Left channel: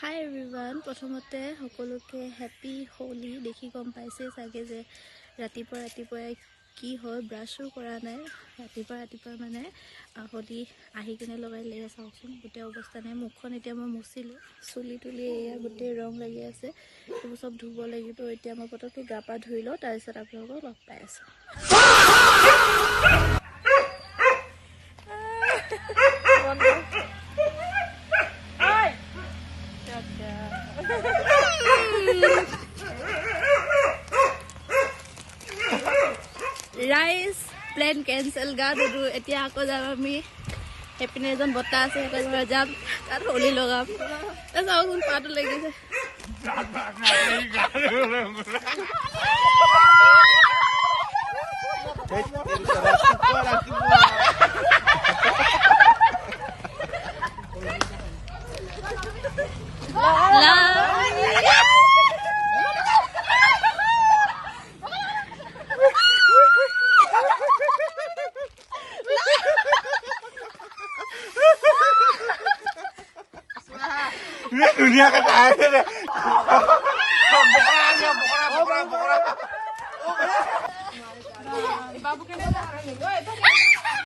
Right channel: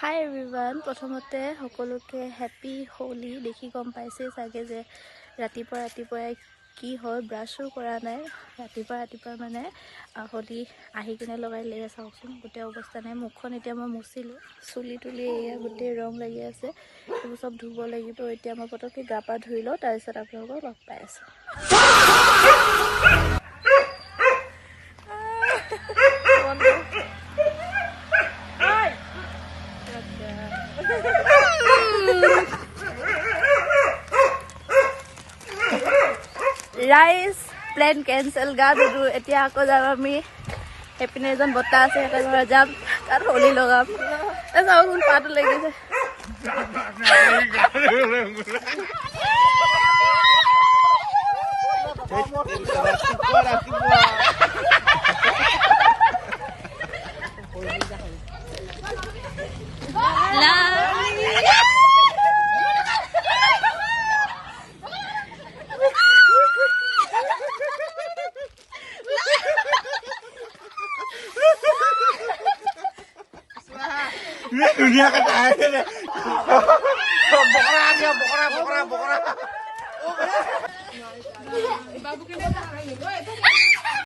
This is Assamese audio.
হাই এভৰিৱান, প্ৰথমতে সকলোকে হেপী হোলি। দেখি গম পাইছে চাগে যে ৰাতিপুৱাই কি হয়, ব্ৰাছো কৰা নাই। ৰাতিপুৱা মানে হোলি আহি কিনে লগাই লে চাওকচোন, গোটেই অৱস্থা নাই। মুখখন এতিয়া মই মুচিলোঁ, চুলি তুলি এয়া গোটেই ৰং লাগি আছে। এইবোৰ চব ধুব লাগিব। এতিয়া মই পটককৈ গা পা ধুই লওঁ, তাৰপিছত আপোনালোকক লগ পাই আছোঁ। ৰাইজ প্লেন কেঞ্চেল, গা ধুলো। এতিয়া আকৌ যাম আমি, সেইপিনে এজন বৰ্তা আছে, সিহঁতৰ ঘৰত যাম, তাত হোলী লগাম। চাওকচোন পাতো লাগিছে। दुनिया का टायर है।